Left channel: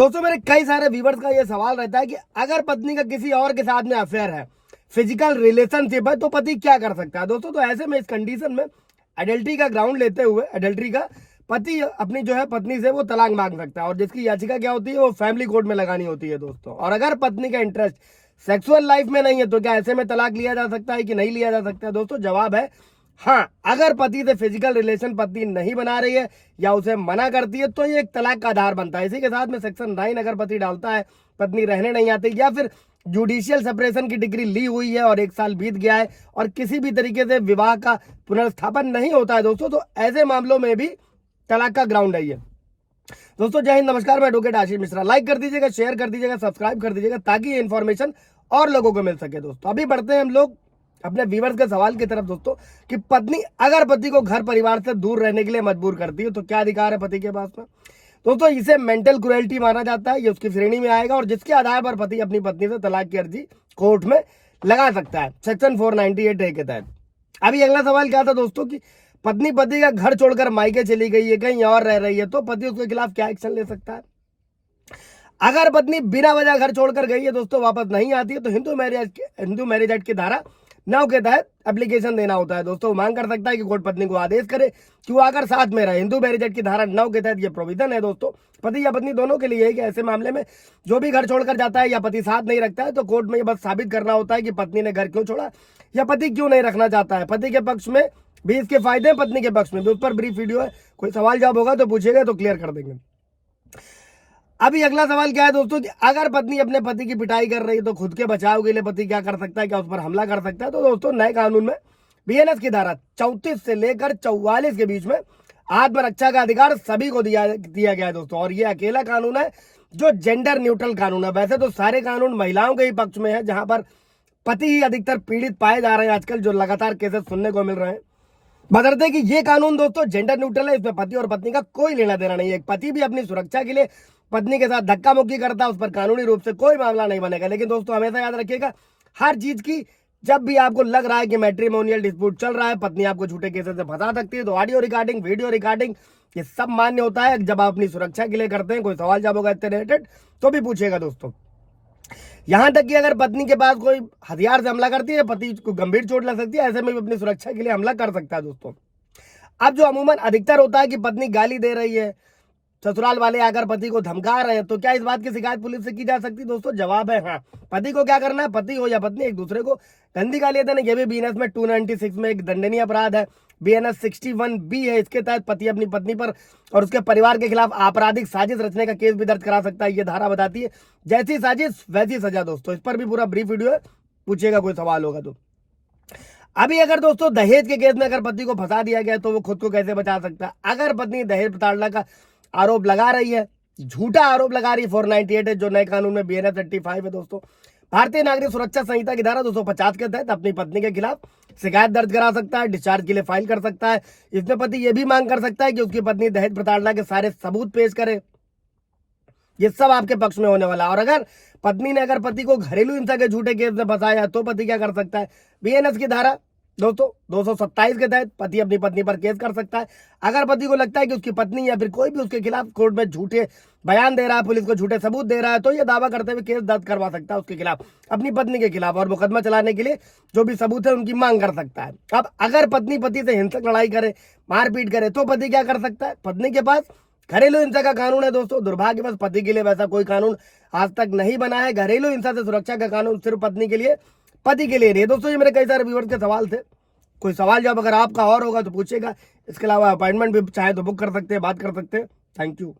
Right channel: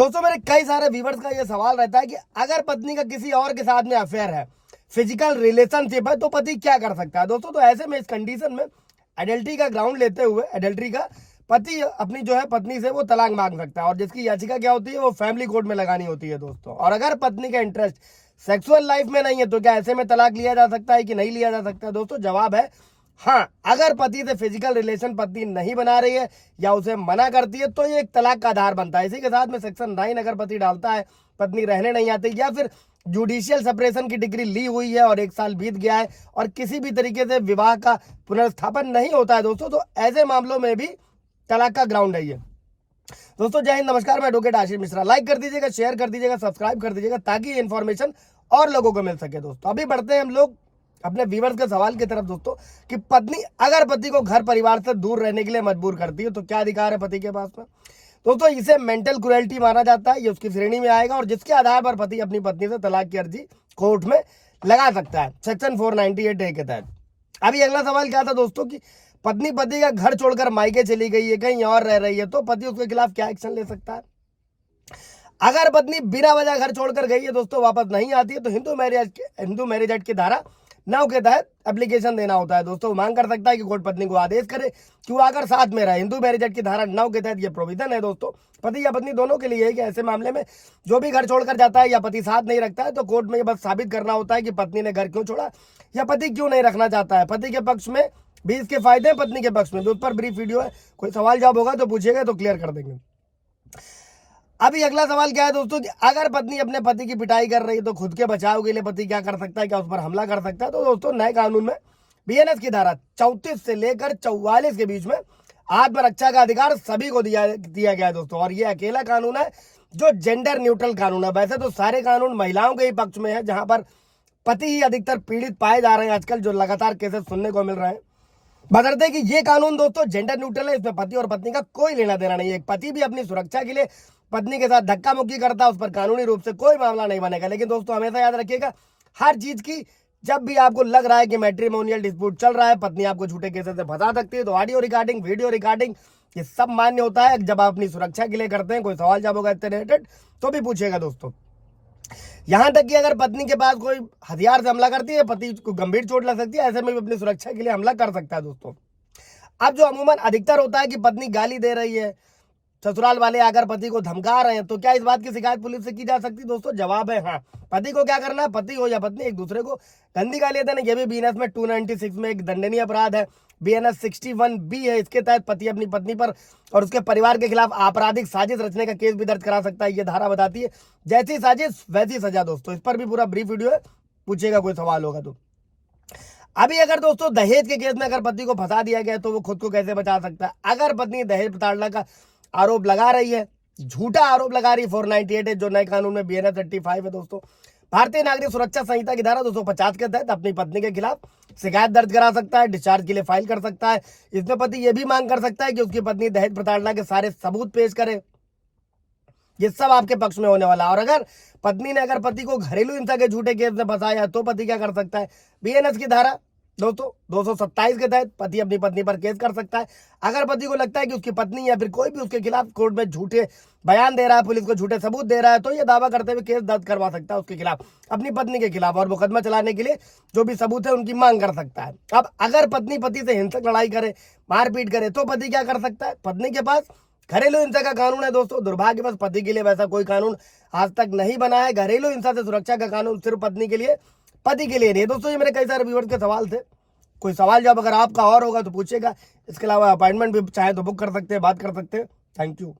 दोस्तों मेरे कई सारे व्यूवर्स का ये सवाल रहता है कि अगर पत्नी का किसी और के साथ में अफेयर है, फिजिकल रिलेशनशिप है, तो पति क्या कर सकता है। दोस्तों तो ऐसे में इस कंडीशन में एडल्ट्री का ग्राउंड लेते हुए एडल्ट्री का पति अपनी जो है पत्नी से वो तलाक मांग सकता है, और जिसकी याचिका क्या होती है वो फैमिली कोर्ट में लगानी होती है दोस्तों। और अगर पत्नी का इंटरेस्ट सेक्सुअल लाइफ में नहीं है तो क्या ऐसे में तलाक लिया जा सकता है कि नहीं लिया जा सकता है। दोस्तों जवाब है हाँ। अगर पति से फिजिकल रिलेशन पत्नी नहीं बना रही है या उसे मना करती है तो ये एक तलाक का आधार बनता है। इसी के साथ में सेक्शन 9 अगर पति डालता है, पत्नी रहने नहीं आती या फिर जुडिशियल सेपरेशन की डिग्री ली हुई है और 1 साल बीत गया है और किसी भी तरीके से विवाह का पुनर्स्थापन नहीं होता है दोस्तों, तो ऐसे मामलों में भी तलाक का ग्राउंड है ये। दोस्तों जय हिंद, नमस्कार, मैं एडवोकेट आशीष मिश्रा। लाइक कर दीजिएगा, शेयर कर दीजिएगा, सब्सक्राइब कर दीजिएगा ताकि ये इन्फॉर्मेशन और लोगों को मिल सके। दोस्तों अभी बढ़ते हैं हम लोग अपने व्यूवर्स के सवाल की तरफ दोस्तों, कि पत्नी अगर पति को घर परिवार से दूर रहने के लिए मजबूर करती है तो क्या अधिकार है पति के पास में। दोस्तों इसे मेंटल क्रुएल्टी माना जाता है, ये उसकी श्रेणी में आएगा और जिसके आधार पर पति अपनी पत्नी से तलाक की अर्जी कोर्ट में लगा सकता है सेक्शन 498A के तहत। अभी अगला सवाल क्या था दोस्तों, कि पत्नी पति का घर छोड़कर मायके चली गई है, कहीं और रह रही है, तो पति उसके खिलाफ क्या एक्शन ले सकता है। अगर पत्नी बिना वजह घर छोड़कर गई है दोस्तों, वापस नहीं आती है, तो हिंदू मैरिज एक्ट की धारा 9 के तहत एप्लीकेशन देना होता है दोस्तों। मांग कर सकता है कि कोर्ट पत्नी को आदेश करे कि वो आकर साथ में रहे। हिंदू मैरिज एक्ट की धारा 9 के तहत ये प्रोविजन है दोस्तों, पति या पत्नी दोनों के लिए है कि ऐसे मामले में जो भी घर छोड़कर जाता है या पति साथ नहीं रखता है तो कोर्ट में ये बस साबित करना होता है कि पत्नी ने घर क्यों छोड़ा या पति क्यों नहीं रखना चाहता है। पति के पक्ष में भी इसके फायदे हैं, पत्नी के पक्ष में भी। उस पर ब्रीफ वीडियो है, कोई सवाल जवाब होगा तो पूछेगा तो क्लियर कर देंगे। अभी अगला सवाल क्या है दोस्तों, कि अगर पत्नी अपने पति की पिटाई कर रही है तो खुद के बचाव के लिए पति क्या कर सकता है, क्या उस पर हमला कर सकता है। तो दोस्तों नए कानून में बीएनएस की धारा 34 से लेकर 44 के बीच में आत्मरक्षा का अधिकार सभी को दिया गया है दोस्तों। और ये अकेला कानून है जो जेंडर न्यूट्रल कानून है। वैसे तो सारे कानून महिलाओं के ही पक्ष में है, जहां पर पति ही अधिकतर पीड़ित पाए जा रहे हैं आजकल, जो लगातार केसेस सुनने को मिल रहे हैं। बदलते कि ये कानून दोस्तों जेंडर न्यूट्रल है, इसमें पति और पत्नी का कोई लेना देना नहीं है। एक पति भी अपनी सुरक्षा के लिए पत्नी के साथ धक्का मुक्की करता है, उस पर कानूनी रूप से कोई मामला नहीं बनेगा। लेकिन दोस्तों हमेशा याद रखिएगा, हर चीज की जब भी आपको लग रहा है कि मैट्रिमोनियल डिस्प्यूट चल रहा है, पत्नी आपको झूठे केसेस से फंसा सकती है, तो ऑडियो रिकॉर्डिंग, वीडियो रिकॉर्डिंग ये सब मान्य होता है जब आप अपनी सुरक्षा के लिए करते हैं। कोई सवाल जवाब होगा इससे रिलेटेड तो भी पूछिएगा दोस्तों। यहां तक कि अगर पत्नी के पास कोई हथियार से हमला करती है, पति को गंभीर चोट लग सकती है, ऐसे में भी अपनी सुरक्षा के लिए हमला कर सकता है दोस्तों। अब जो अमूमन अधिकतर होता है कि पत्नी गाली दे रही है, ससुराल वाले आकर पति को धमका रहे हैं, तो क्या इस बात की शिकायत पुलिस से की जा सकती है। दोस्तों जवाब है हाँ। पति को क्या करना है, पति हो या पत्नी एक दूसरे को गंदी गाली देना, ये भी बीएनएस में 296 में एक दंडनीय अपराध है। बीएनएस 61B है, इसके तहत पति अपनी पत्नी पर और उसके परिवार के खिलाफ आपराधिक साजिश रचने का केस भी दर्ज करा सकता है। ये धारा बताती है जैसी साजिश वैसी सजा दोस्तों। इस पर भी पूरा ब्रीफ वीडियो है, पूछेगा कोई सवाल होगा तो। अभी अगर दोस्तों दहेज के केस में अगर पति को फंसा दिया गया तो वो खुद को कैसे बचा सकता है। अगर पत्नी दहेज प्रताड़ना का आरोप लगा रही है, झूठा आरोप लगा रही है, 498 है जो नए कानून में बीएनएस 85 है दोस्तों। भारतीय नागरिक सुरक्षा संहिता की धारा 250 के तहत अपनी पत्नी के खिलाफ शिकायत दर्ज करा सकता है, डिस्चार्ज के लिए फाइल कर सकता है। इसमें पति यह भी मांग कर सकता है कि उसकी पत्नी दहेज प्रताड़ना के सारे सबूत पेश करे। ये सब आपके पक्ष में होने वाला है। और अगर पत्नी ने अगर पति को घरेलू हिंसा के झूठे केस में फंसाया तो पति क्या कर सकता है। बीएनएस की धारा दोस्तों 227 के तहत पति अपनी पत्नी पर केस कर सकता है। अगर पति को लगता है कि उसकी पत्नी या फिर कोई भी उसके खिलाफ कोर्ट में झूठे बयान दे रहा है, पुलिस को झूठे सबूत दे रहा है, तो यह दावा करते हुए केस दर्ज करवा सकता है उसके खिलाफ, अपनी पत्नी के खिलाफ, और मुकदमा चलाने के लिए जो भी सबूत है उनकी मांग कर सकता है। अब अगर पत्नी पति से हिंसक लड़ाई करे, मारपीट करे, तो पति क्या कर सकता है। पत्नी के पास घरेलू हिंसा का कानून है दोस्तों। दुर्भाग्यवश पति के लिए वैसा कोई कानून आज तक नहीं बना है। घरेलू हिंसा से सुरक्षा का कानून सिर्फ पत्नी के लिए, पति के लिए नहीं है दोस्तों। ये मेरे कई सारे व्यूअर्स के सवाल थे, कोई सवाल जवाब अगर आपका और होगा तो पूछेगा। इसके अलावा अपॉइंटमेंट भी चाहे तो बुक कर सकते हैं, बात कर सकते हैं। Thank you.